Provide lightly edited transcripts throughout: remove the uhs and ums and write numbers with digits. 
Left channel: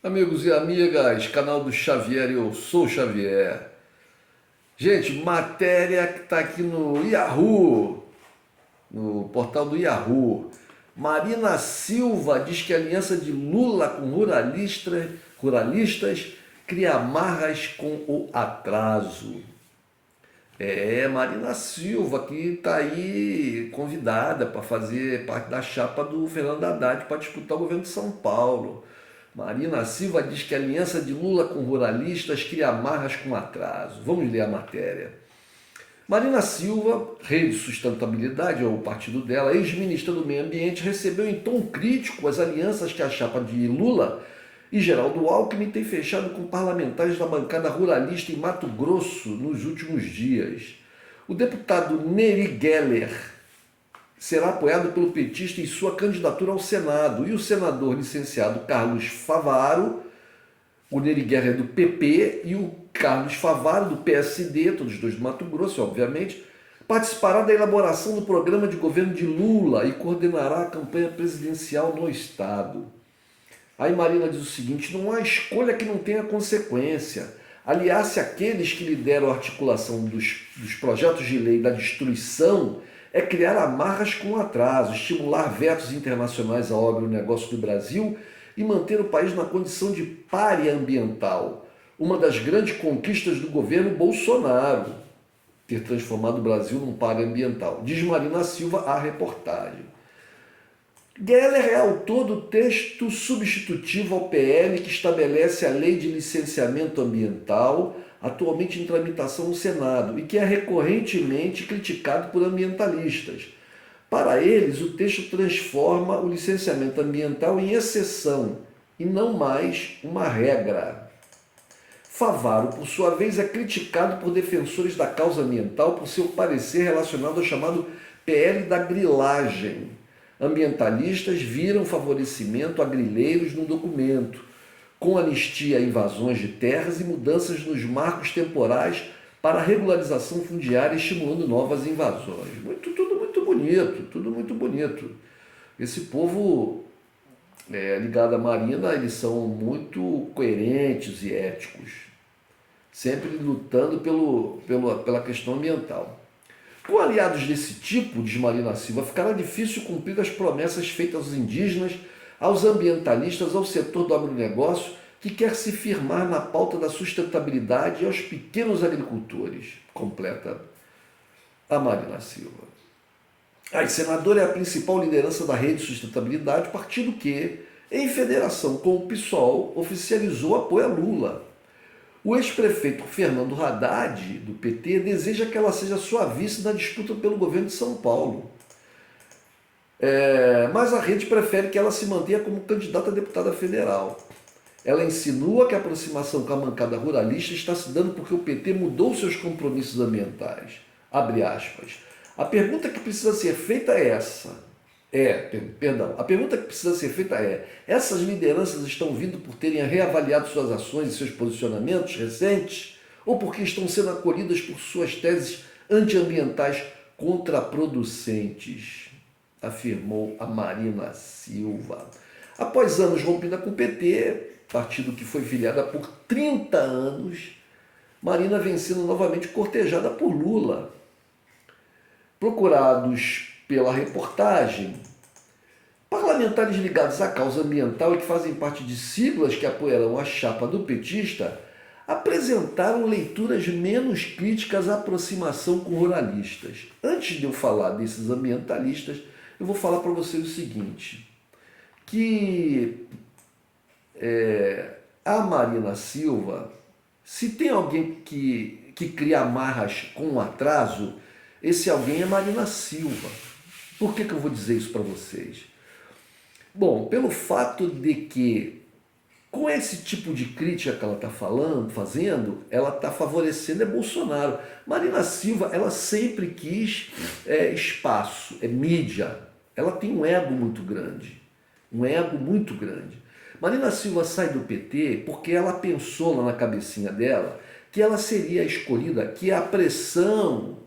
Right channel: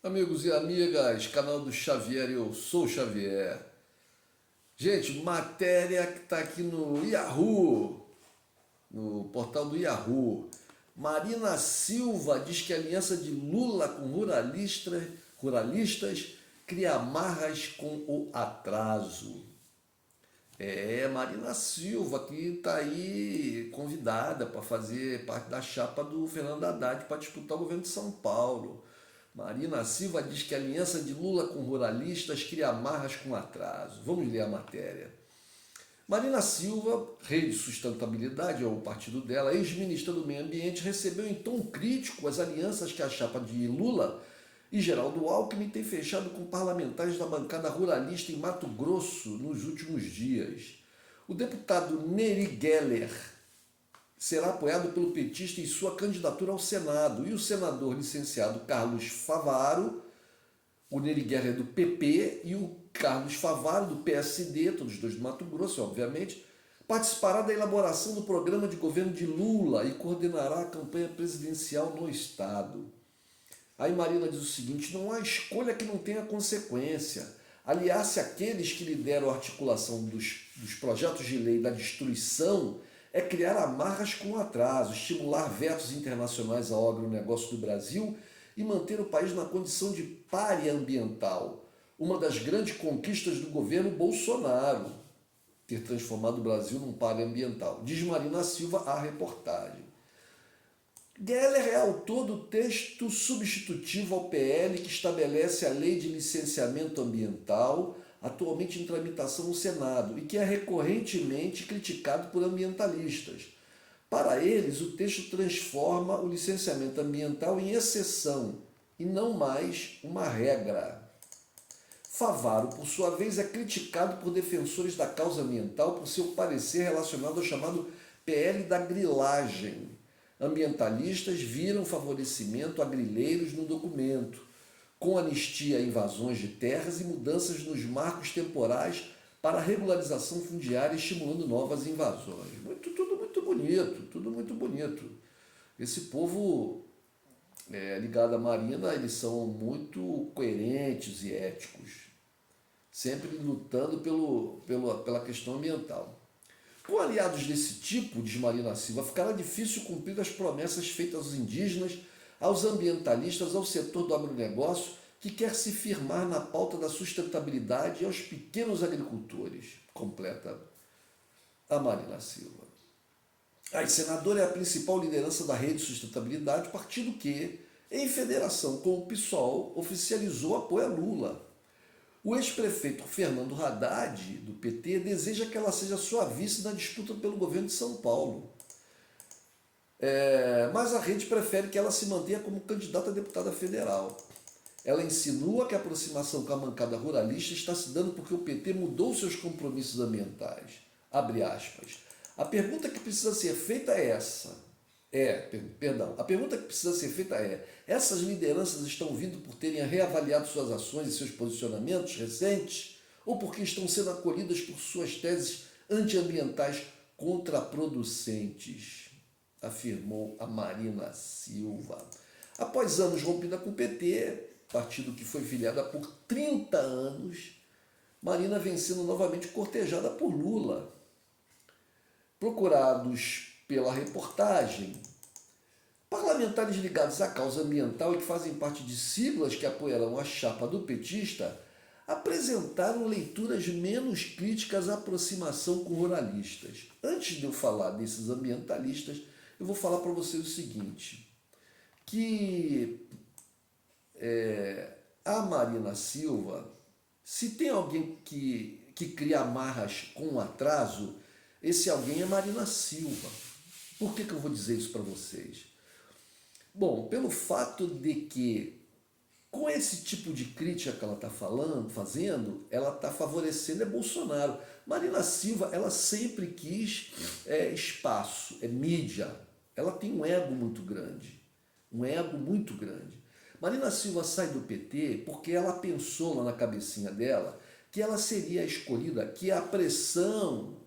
Amigos e amigas, canal do Xavier, eu sou o Xavier. Gente, matéria que está aqui no Yahoo, no portal do Yahoo. Marina Silva diz que a aliança de Lula com ruralistas cria amarras com o atraso. Marina Silva, que está aí convidada para fazer parte da chapa do Fernando Haddad para disputar o governo de São Paulo. Marina Silva diz que a aliança de Lula com ruralistas cria amarras com atraso. Vamos ler a matéria. Marina Silva, Rede Sustentabilidade, é o partido dela, ex-ministra do Meio Ambiente, recebeu em tom crítico as alianças que a chapa de Lula e Geraldo Alckmin tem fechado com parlamentares da bancada ruralista em Mato Grosso nos últimos dias. O deputado Neri Geller será apoiado pelo petista em sua candidatura ao Senado e o senador licenciado Carlos Favaro, o Neri Guerra é do PP e o Carlos Favaro do PSD, todos dois do Mato Grosso, obviamente, participará da elaboração do programa de governo de Lula e coordenará a campanha presidencial no estado. Aí Marina diz o seguinte: não há escolha que não tenha consequência. Aliás-se àqueles que lideram a articulação dos projetos de lei da destruição é criar amarras com atraso, estimular vetos internacionais ao agronegócio do Brasil e manter o país na condição de pária ambiental. Uma das grandes conquistas do governo Bolsonaro, ter transformado o Brasil num pária ambiental. Diz Marina Silva à reportagem. Geller é autor do texto substitutivo ao PL que estabelece a Lei de Licenciamento Ambiental, atualmente em tramitação no Senado, e que é recorrentemente criticado por ambientalistas. Para eles, o texto transforma o licenciamento ambiental em exceção e não mais uma regra. Favaro, por sua vez, é criticado por defensores da causa ambiental por seu parecer relacionado ao chamado PL da grilagem. Ambientalistas viram favorecimento a grileiros no documento, com anistia a invasões de terras e mudanças nos marcos temporais para a regularização fundiária, estimulando novas invasões. Tudo muito bonito, tudo muito bonito. Esse povo ligado à Marina, eles são muito coerentes e éticos, sempre lutando pela questão ambiental. Com aliados desse tipo, diz Marina Silva, ficará difícil cumprir as promessas feitas aos indígenas, aos ambientalistas, ao setor do agronegócio, que quer se firmar na pauta da sustentabilidade e aos pequenos agricultores, completa a Marina Silva. A senadora é a principal liderança da Rede Sustentabilidade, partido que, em federação com o PSOL, oficializou apoio a Lula. O ex-prefeito Fernando Haddad, do PT, deseja que ela seja sua vice na disputa pelo governo de São Paulo. Mas a rede prefere que ela se mantenha como candidata a deputada federal. Ela insinua que a aproximação com a bancada ruralista está se dando porque o PT mudou seus compromissos ambientais. Abre aspas. A pergunta que precisa ser feita é essa. A pergunta que precisa ser feita é: essas lideranças estão vindo por terem reavaliado suas ações e seus posicionamentos recentes ou porque estão sendo acolhidas por suas teses antiambientais contraproducentes? Afirmou a Marina Silva. Após anos rompida com o PT, partido que foi filiada por 30 anos, Marina vem sendo novamente cortejada por Lula. Procurados pela reportagem, parlamentares ligados à causa ambiental e que fazem parte de siglas que apoiarão a chapa do petista apresentaram leituras menos críticas à aproximação com ruralistas. Antes de eu falar desses ambientalistas, eu vou falar para vocês o seguinte, que a Marina Silva, se tem alguém que cria amarras com atraso, esse alguém é Marina Silva. Por que eu vou dizer isso para vocês? Bom, pelo fato de que, com esse tipo de crítica que ela está fazendo, ela está favorecendo Bolsonaro. Marina Silva, ela sempre quis espaço, mídia. Ela tem um ego muito grande. Um ego muito grande. Marina Silva sai do PT porque ela pensou lá na cabecinha dela que ela seria escolhida, que a pressão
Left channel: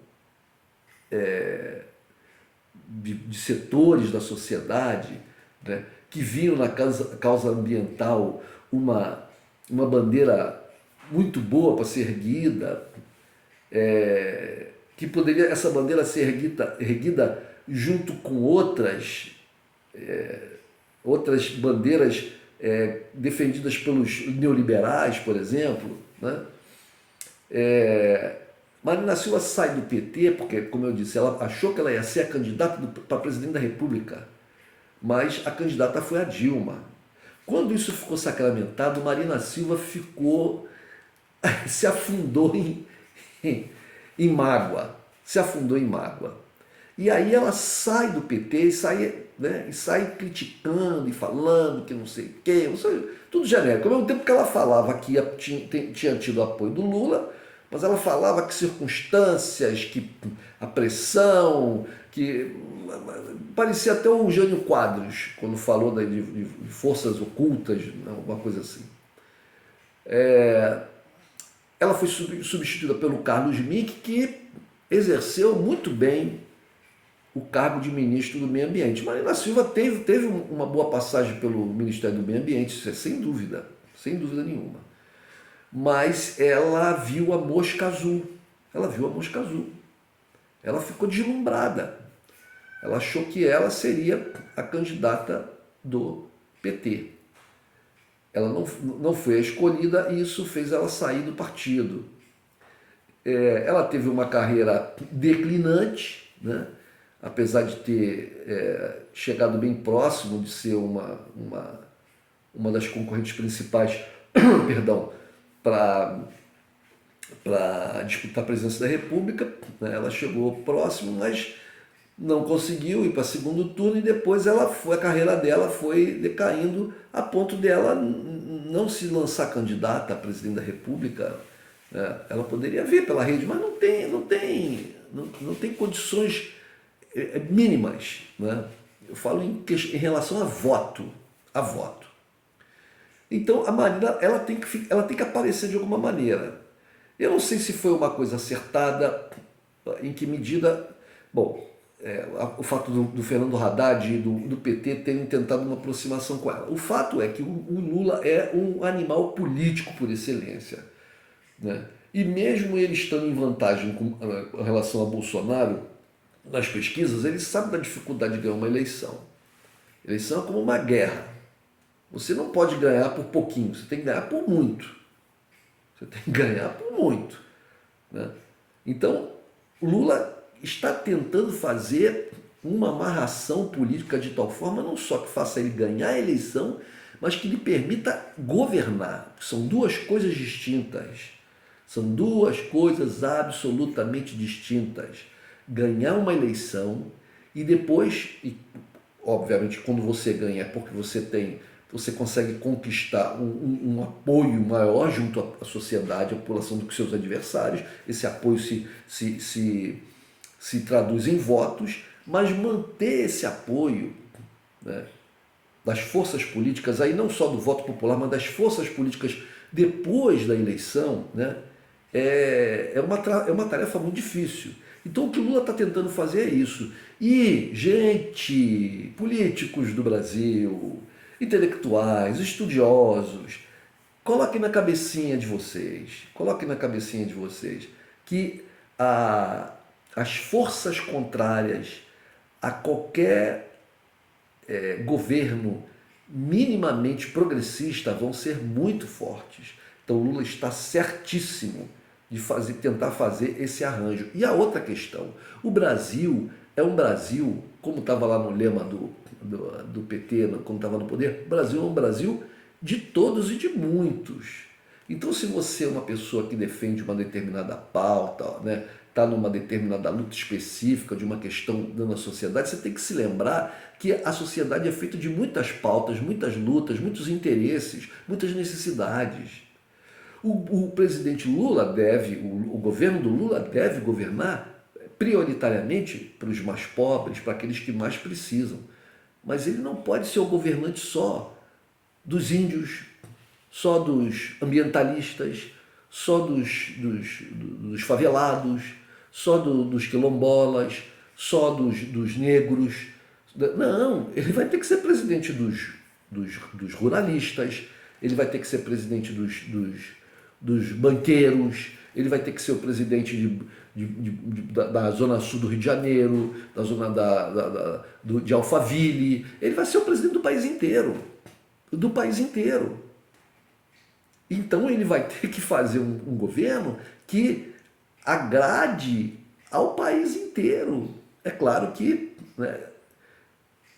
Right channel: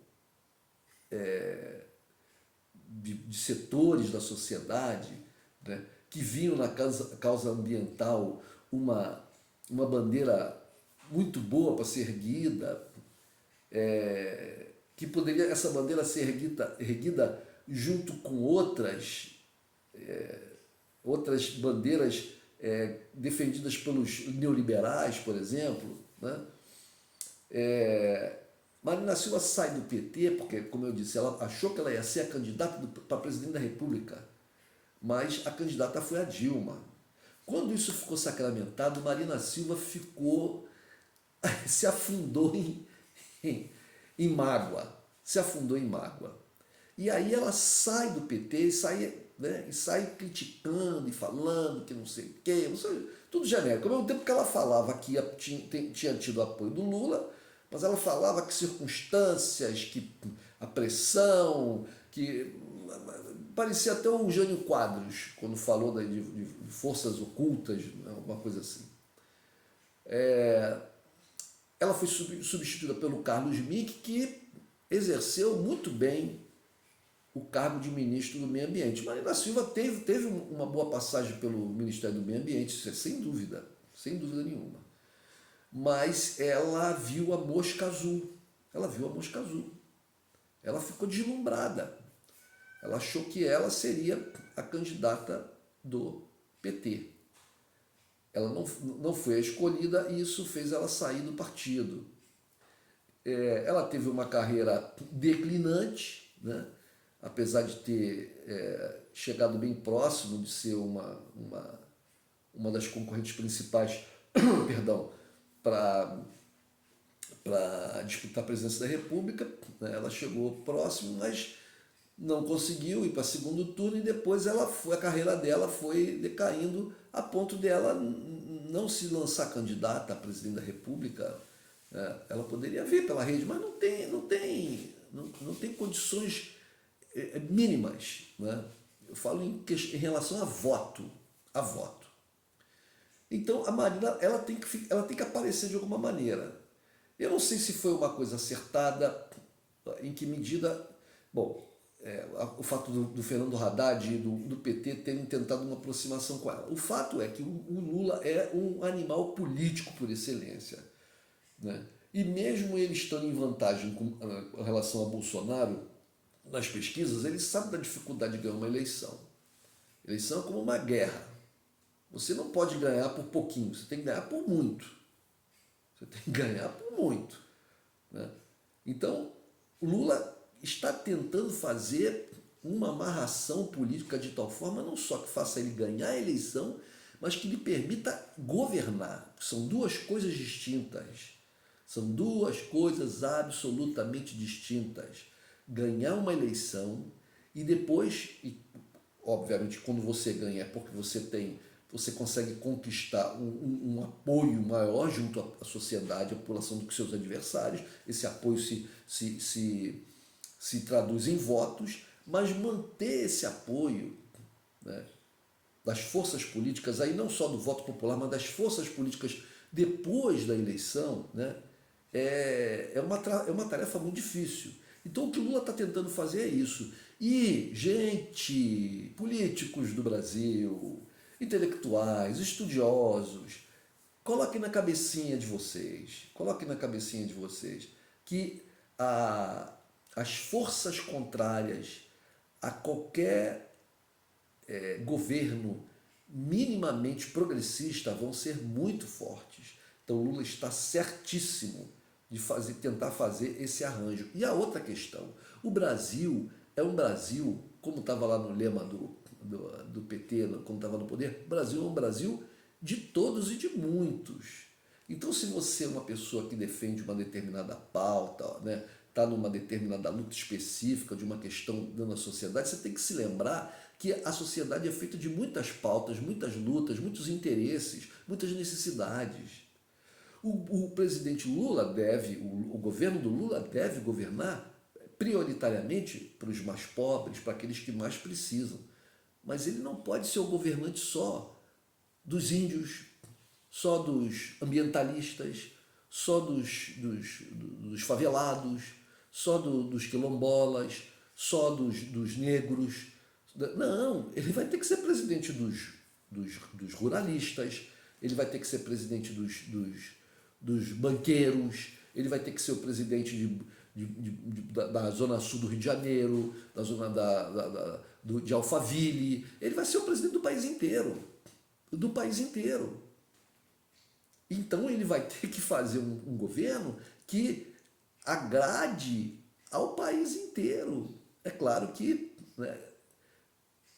de setores da sociedade, né, que viam na causa ambiental uma bandeira muito boa para ser erguida, que poderia essa bandeira ser erguida junto com outras bandeiras defendidas pelos neoliberais, por exemplo, né? Marina Silva sai do PT porque, como eu disse, ela achou que ela ia ser a candidata para presidente da República, mas a candidata foi a Dilma. Quando isso ficou sacramentado, Marina Silva se afundou em mágoa, se afundou em mágoa. E aí ela sai do PT e sai criticando e falando que não sei o quê, tudo genérico. Ao mesmo tempo que ela falava que tinha tido apoio do Lula, mas ela falava que circunstâncias, que a pressão, que parecia até o Jânio Quadros, quando falou de forças ocultas, alguma coisa assim. Ela foi substituída pelo Carlos Mick, que exerceu muito bem o cargo de ministro do Meio Ambiente. Marina Silva teve uma boa passagem pelo Ministério do Meio Ambiente, isso sem dúvida nenhuma. Mas ela viu a mosca azul. Ela ficou deslumbrada. Ela achou que ela seria a candidata do PT. Ela não foi a escolhida e isso fez ela sair do partido. Ela teve uma carreira declinante, né? Apesar de ter chegado bem próximo de ser uma das concorrentes principais perdão, para disputar a presidência da República, né? Ela chegou próximo, mas não conseguiu ir para segundo turno e depois a carreira dela foi decaindo a ponto dela não se lançar candidata a presidente da República. Né? Ela poderia vir pela rede, mas não tem condições mínimas. Né? Eu falo em relação a voto. Então a Marina ela tem que aparecer de alguma maneira. Eu não sei se foi uma coisa acertada, em que medida. Bom, o fato do Fernando Haddad e do PT terem tentado uma aproximação com ela. O fato é que o Lula é um animal político por excelência. Né? E mesmo ele estando em vantagem com relação a Bolsonaro, nas pesquisas, ele sabe da dificuldade de ganhar uma eleição. Eleição é como uma guerra. Você não pode ganhar por pouquinho, você tem que ganhar por muito. Né? Então, Lula está tentando fazer uma amarração política de tal forma, não só que faça ele ganhar a eleição, mas que lhe permita governar. São duas coisas distintas. São duas coisas absolutamente distintas. Ganhar uma eleição e depois, obviamente, quando você ganha é porque você consegue conquistar um apoio maior junto à sociedade, à população, do que seus adversários. Esse apoio se traduz em votos, mas manter esse apoio, né, das forças políticas, aí não só do voto popular, mas das forças políticas depois da eleição, né, é uma tarefa muito difícil. Então o que o Lula está tentando fazer é isso. E, gente, políticos do Brasil, intelectuais, estudiosos, coloquem na cabecinha de vocês que as forças contrárias a qualquer governo minimamente progressista vão ser muito fortes. Então Lula está certíssimo de tentar fazer esse arranjo. E a outra questão, o Brasil é um Brasil, como estava lá no lema do PT, quando estava no poder, o Brasil é um Brasil de todos e de muitos. Então, se você é uma pessoa que defende uma determinada pauta, né, está numa determinada luta específica de uma questão na sociedade, você tem que se lembrar que a sociedade é feita de muitas pautas, muitas lutas, muitos interesses, muitas necessidades. O presidente Lula o governo do Lula deve governar prioritariamente para os mais pobres, para aqueles que mais precisam. Mas ele não pode ser o governante só dos índios, só dos ambientalistas, só dos favelados, só dos quilombolas, só dos negros. Não, ele vai ter que ser presidente dos ruralistas, ele vai ter que ser presidente dos banqueiros, ele vai ter que ser o presidente da zona sul do Rio de Janeiro, da zona de Alphaville, ele vai ser o presidente do país inteiro, Então ele vai ter que fazer um governo que agrade ao país inteiro. É claro que, né,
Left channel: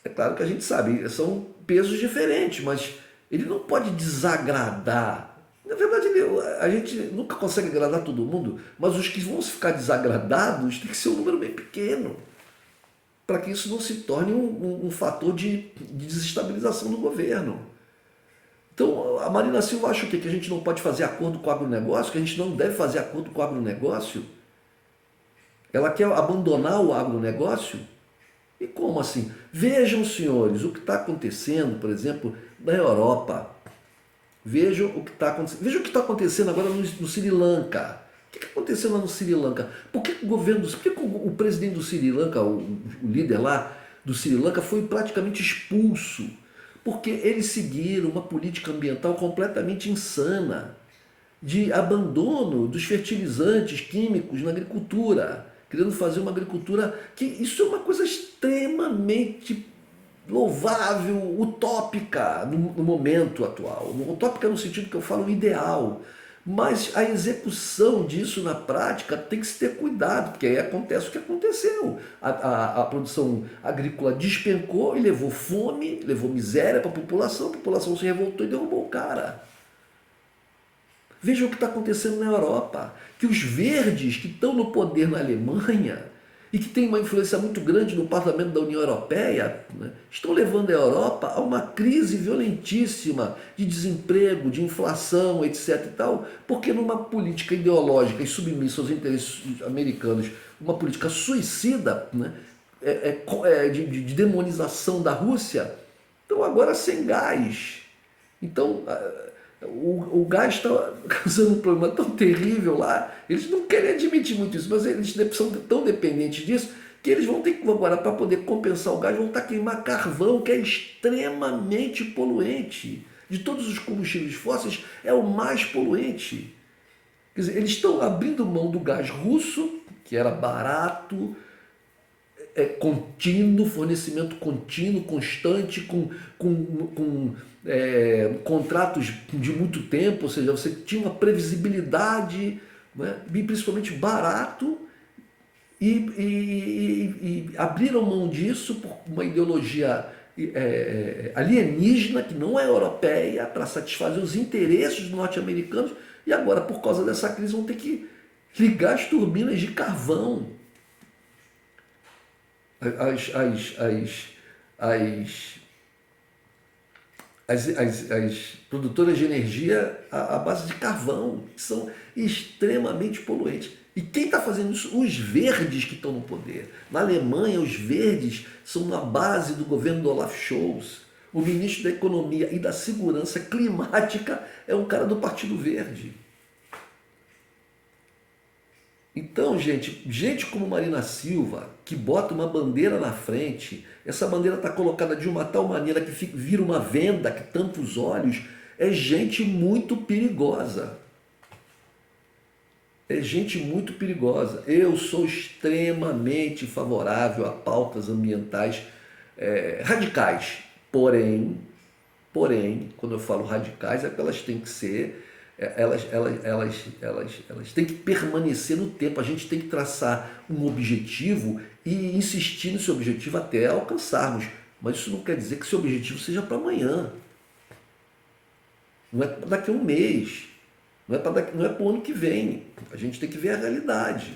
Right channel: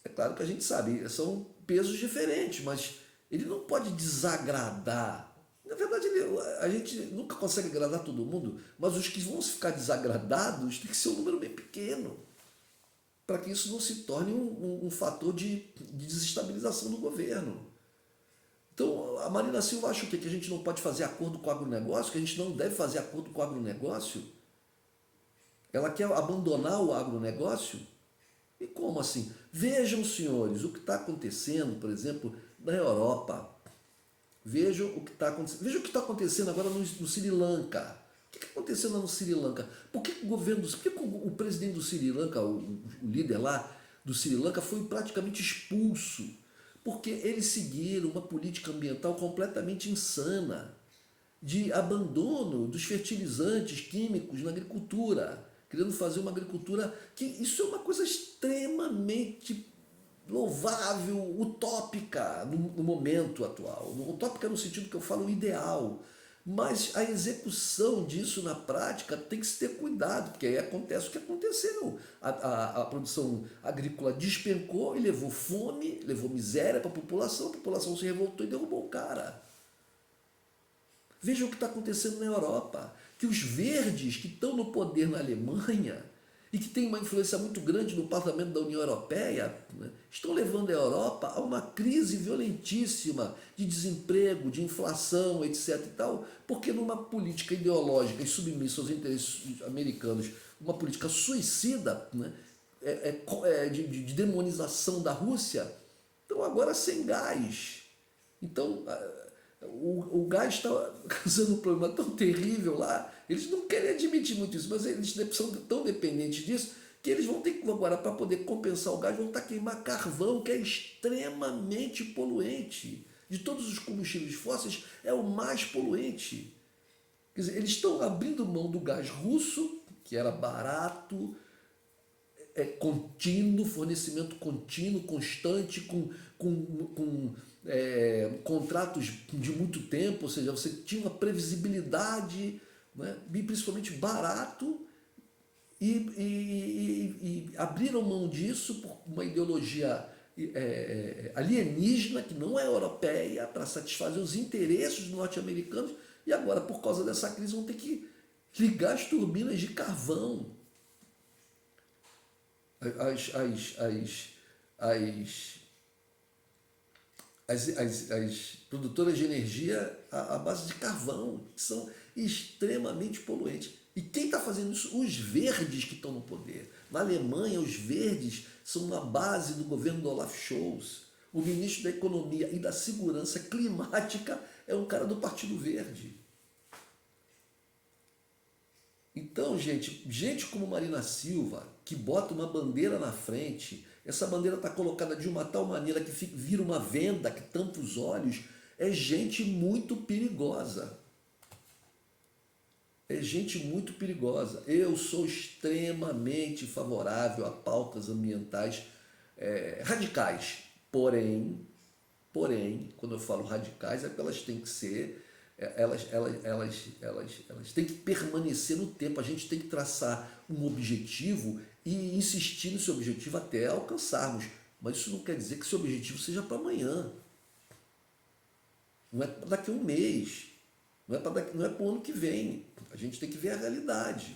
a gente sabe, são pesos diferentes, mas ele não pode desagradar. Na verdade, a gente nunca consegue agradar todo mundo, mas os que vão ficar desagradados tem que ser um número bem pequeno, para que isso não se torne um fator de desestabilização do governo. Então, a Marina Silva acha o quê? Que a gente não pode fazer acordo com o agronegócio, que a gente não deve fazer acordo com o agronegócio? Ela quer abandonar o agronegócio? E como assim? Vejam, senhores, o que está acontecendo, por exemplo, na Europa. Vejam o que está acontecendo. Vejam o que está acontecendo agora no Sri Lanka. O que aconteceu lá no Sri Lanka? Por que o presidente do Sri Lanka, o líder lá do Sri Lanka, foi praticamente expulso? Porque eles seguiram uma política ambiental completamente insana, de abandono dos fertilizantes químicos na agricultura, querendo fazer uma agricultura que isso é uma coisa extremamente louvável, utópica no momento atual. Utópica no sentido que eu falo ideal. Mas a execução disso na prática tem que se ter cuidado, porque aí acontece o que aconteceu. A produção agrícola despencou e levou fome, levou miséria para a população se revoltou e derrubou o cara. Veja o que está acontecendo na Europa, que os verdes que estão no poder na Alemanha e que têm uma influência muito grande no parlamento da União Europeia, né, estão levando a Europa a uma crise violentíssima de desemprego, de inflação, etc. e tal, porque numa política ideológica e submissa aos interesses americanos, uma política suicida, né, de demonização da Rússia, estão agora sem gás. Então, o gás está causando um problema tão terrível lá, eles não querem admitir muito isso, mas eles são tão dependentes disso que eles vão ter que, agora, para poder compensar o gás, vão estar a queimar carvão, que é extremamente poluente. De todos os combustíveis fósseis, é o mais poluente. Quer dizer, eles estão abrindo mão do gás russo, que era barato, contínuo, fornecimento contínuo, constante, com contratos de muito tempo, ou seja, você tinha uma previsibilidade, né, e principalmente barato, e abriram mão disso por uma ideologia alienígena, que não é europeia, para satisfazer os interesses norte-americanos, e agora, por causa dessa crise, vão ter que ligar as turbinas de carvão. As produtoras de energia à base de carvão, que são extremamente poluentes. E quem está fazendo isso? Os verdes que estão no poder. Na Alemanha, os verdes são na base do governo do Olaf Scholz. O ministro da Economia e da Segurança Climática é um cara do Partido Verde. Então, gente como Marina Silva, que bota uma bandeira na frente, essa bandeira está colocada de uma tal maneira que vira uma venda que tampa os olhos, é gente muito perigosa. É gente muito perigosa. Eu sou extremamente favorável a pautas ambientais radicais. Porém, quando eu falo radicais, é que elas têm que ser, elas têm que permanecer no tempo. A gente tem que traçar um objetivo e insistir nesse objetivo até alcançarmos. Mas isso não quer dizer que esse objetivo seja para amanhã. Não é daqui a um mês. Não é para o ano que vem. A gente tem que ver a realidade.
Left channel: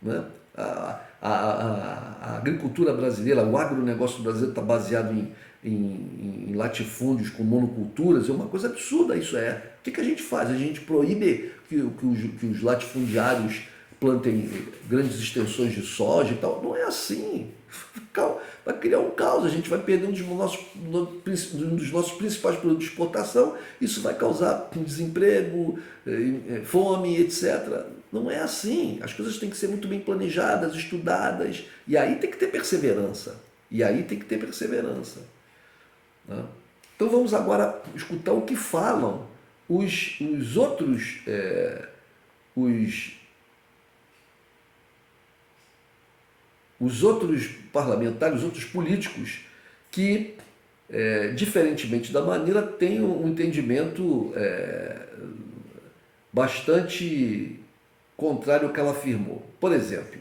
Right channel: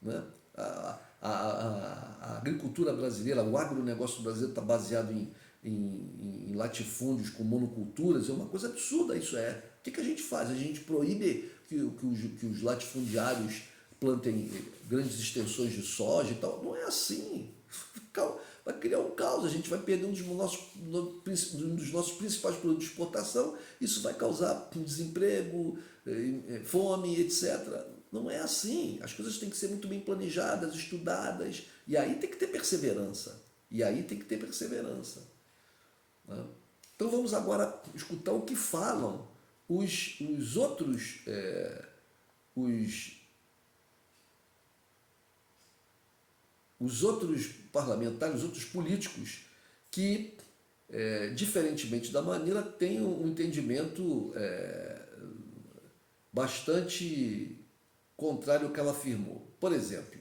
Né? A agricultura brasileira, o agronegócio brasileiro está baseado em latifúndios com monoculturas, é uma coisa absurda isso é. O que a gente faz? A gente proíbe que os latifundiários plantem grandes extensões de soja e tal. Não é assim. Vai criar um caos, a gente vai perder um dos nossos principais produtos de exportação, isso vai causar desemprego, fome, etc. Não é assim. As coisas têm que ser muito bem planejadas, estudadas, e aí tem que ter perseverança. E aí tem que ter perseverança, né? Então vamos agora escutar o que falam os outros, os, os outros parlamentares, os outros políticos que, diferentemente da Marina, têm um entendimento bastante contrário ao que ela afirmou. Por exemplo,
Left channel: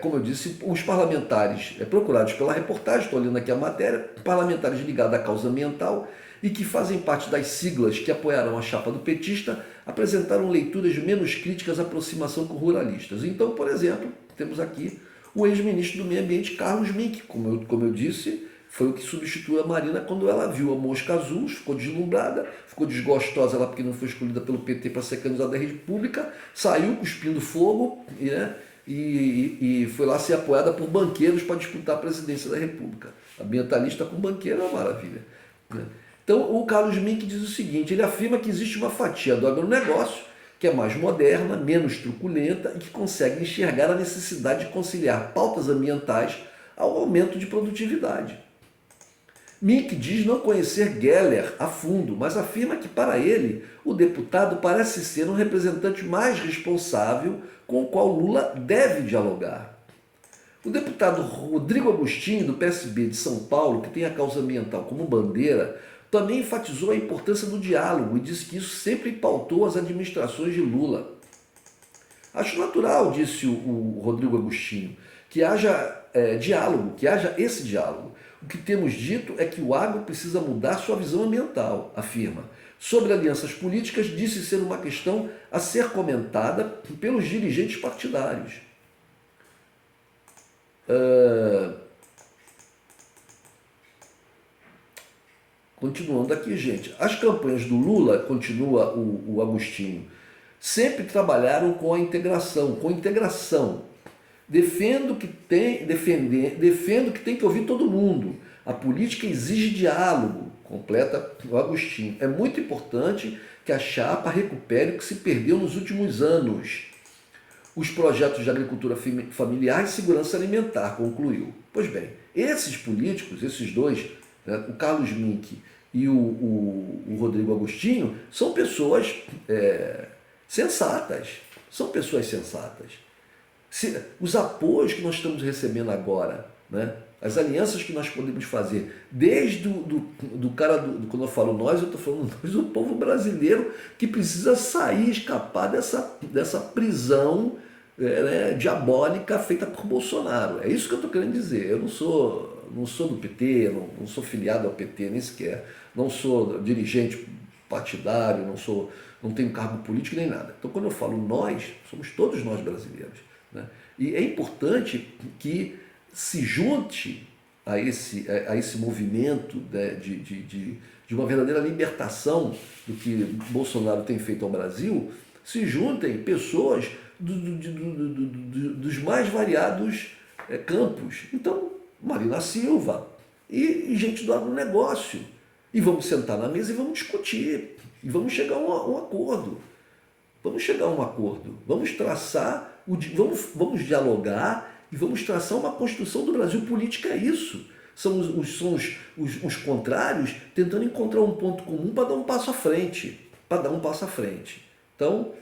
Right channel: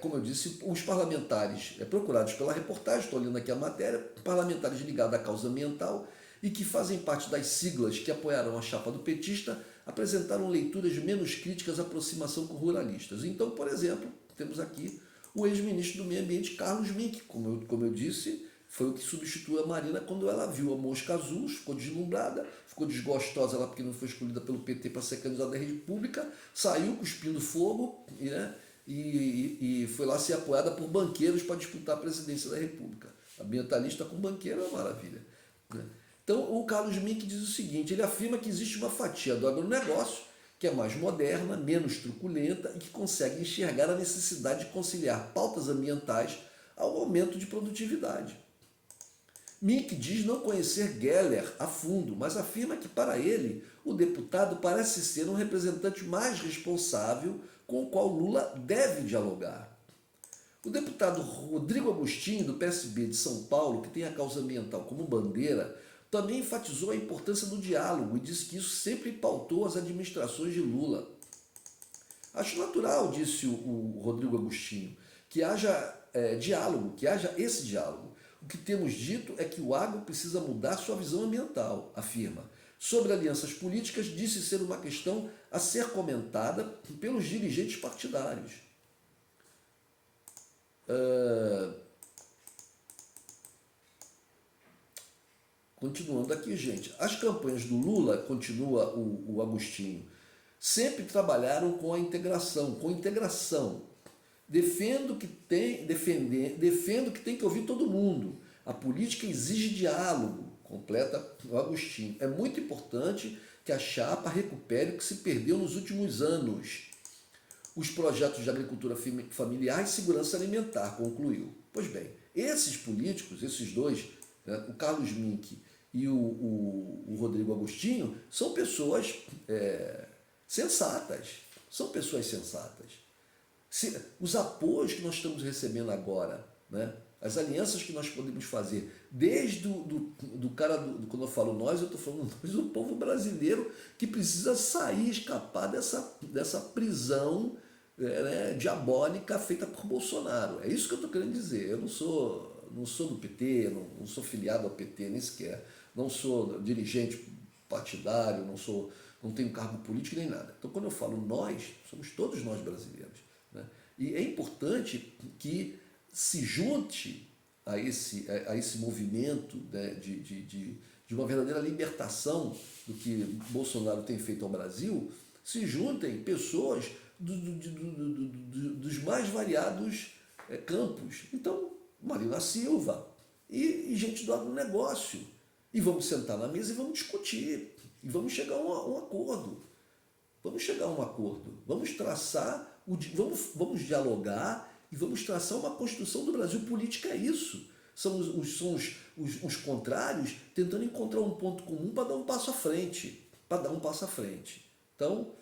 como eu disse, os parlamentares procurados pela reportagem, estou olhando aqui a matéria, parlamentares ligados à causa ambiental e que fazem parte das siglas que apoiaram a chapa do petista, apresentaram leituras menos críticas à aproximação com ruralistas. Então, por exemplo, temos aqui o ex-ministro do Meio Ambiente, Carlos Mink, como eu disse, foi o que substituiu a Marina quando ela viu a mosca azul, ficou deslumbrada, ficou desgostosa lá porque não foi escolhida pelo PT para ser candidata da República, saiu cuspindo fogo, né, e foi lá ser apoiada por banqueiros para disputar a presidência da República. Ambientalista com banqueiro é uma maravilha, né? Então o Carlos Mink diz o seguinte, ele afirma que existe uma fatia do agronegócio que é mais moderna, menos truculenta e que consegue enxergar a necessidade de conciliar pautas ambientais ao aumento de produtividade. Mink diz não conhecer Geller a fundo, mas afirma que, para ele, o deputado parece ser um representante mais responsável com o qual Lula deve dialogar. O deputado Rodrigo Agostinho, do PSB de São Paulo, que tem a causa ambiental como bandeira, também enfatizou a importância do diálogo e disse que isso sempre pautou as administrações de Lula. Acho natural, disse o Rodrigo Agostinho, que haja diálogo, que haja esse diálogo. O que temos dito é que o agro precisa mudar sua visão ambiental, afirma. Sobre alianças políticas, disse ser uma questão a ser comentada pelos dirigentes partidários. Continuando aqui, gente. As campanhas do Lula, continua o Agostinho, sempre trabalharam com a integração, Defendo que tem que ouvir todo mundo. A política exige diálogo, completa o Agostinho. É muito importante que a chapa recupere o que se perdeu nos últimos anos. Os projetos de agricultura familiar e segurança alimentar, concluiu. Pois bem, esses políticos, esses dois, né, o Carlos Mink e o Rodrigo Agostinho, são pessoas sensatas. São pessoas sensatas. Os apoios que nós estamos recebendo agora, né, as alianças que nós podemos fazer, desde do cara, quando eu falo nós, eu estou falando nós, o povo brasileiro que precisa sair, escapar dessa prisão diabólica feita por Bolsonaro. É isso que eu estou querendo dizer. Eu não sou do PT, não sou filiado ao PT nem sequer, não sou dirigente partidário, não tenho cargo político nem nada. Então, quando eu falo nós, somos todos nós brasileiros, né? E é importante que se junte a esse movimento, né, de uma verdadeira libertação do que Bolsonaro tem feito ao Brasil, se juntem pessoas dos mais variados campos. Então, Marina Silva e gente do agronegócio. E vamos sentar na mesa e vamos discutir. E vamos chegar a um acordo. Vamos traçar, vamos dialogar e vamos traçar uma construção do Brasil. Política é isso. São os contrários tentando encontrar um ponto comum para dar um passo à frente. Então,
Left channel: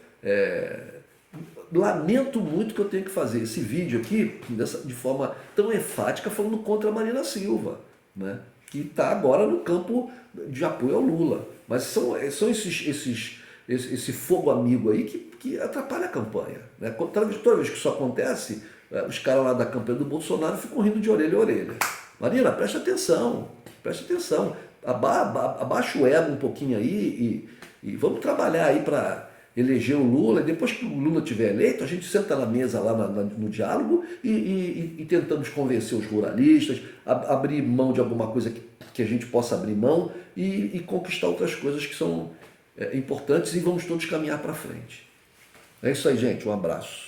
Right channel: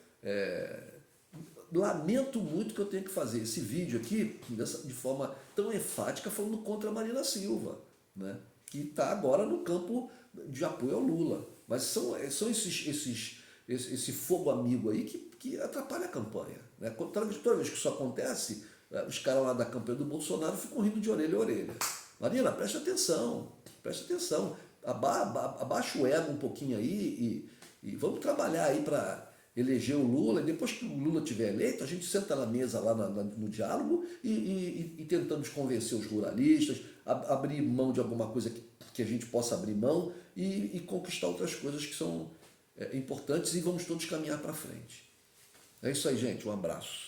lamento muito que eu tenha que fazer esse vídeo aqui de forma tão enfática falando contra a Marina Silva, né, que está agora no campo de apoio ao Lula. Mas são esse fogo amigo aí que atrapalha a campanha, né? Toda vez que isso acontece, os caras lá da campanha do Bolsonaro ficam rindo de orelha a orelha. Marina, presta atenção. Abaixa o ego um pouquinho aí e vamos trabalhar aí para eleger o Lula. E depois que o Lula tiver eleito, a gente senta na mesa lá no diálogo e tentamos convencer os ruralistas, abrir mão de alguma coisa que a gente possa abrir mão e conquistar outras coisas que são importantes, e vamos todos caminhar para frente. É isso aí, gente. Um abraço.